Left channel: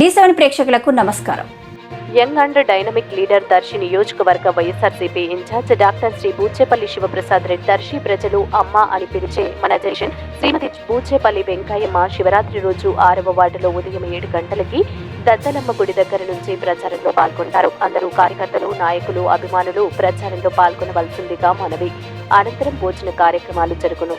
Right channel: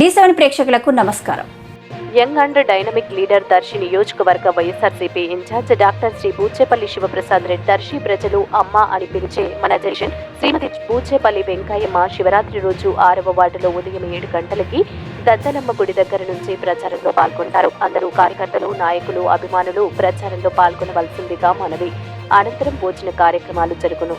D seven ప్రేక్షకులకు నమస్కారం. Young and dynamic leader Darsi నియోజకవర్గ YSRCP incharge doctor Shri Boochepalli Sivaprasad Reddy Darsi ప్రజలు అమ్మ అని పిలిచే మన జషన్ శ్రీమతి బూచేపల్లి వెంకయ్యమ్మ శివరాత్రి రోజు ఆరవ వార్డులో ఉదయం ఏడు గంటలకి దద్దలమ్మ గుడి దగ్గర నుంచి ప్రచారంలో పాల్గొంటారు. అందరూ కార్యకర్తలు నాయకులు అభిమానులు ప్రచారంలో పాల్గొనవలసిందిగా మనవి. అనంతరం భోజన కార్యక్రమాలు జరుగును.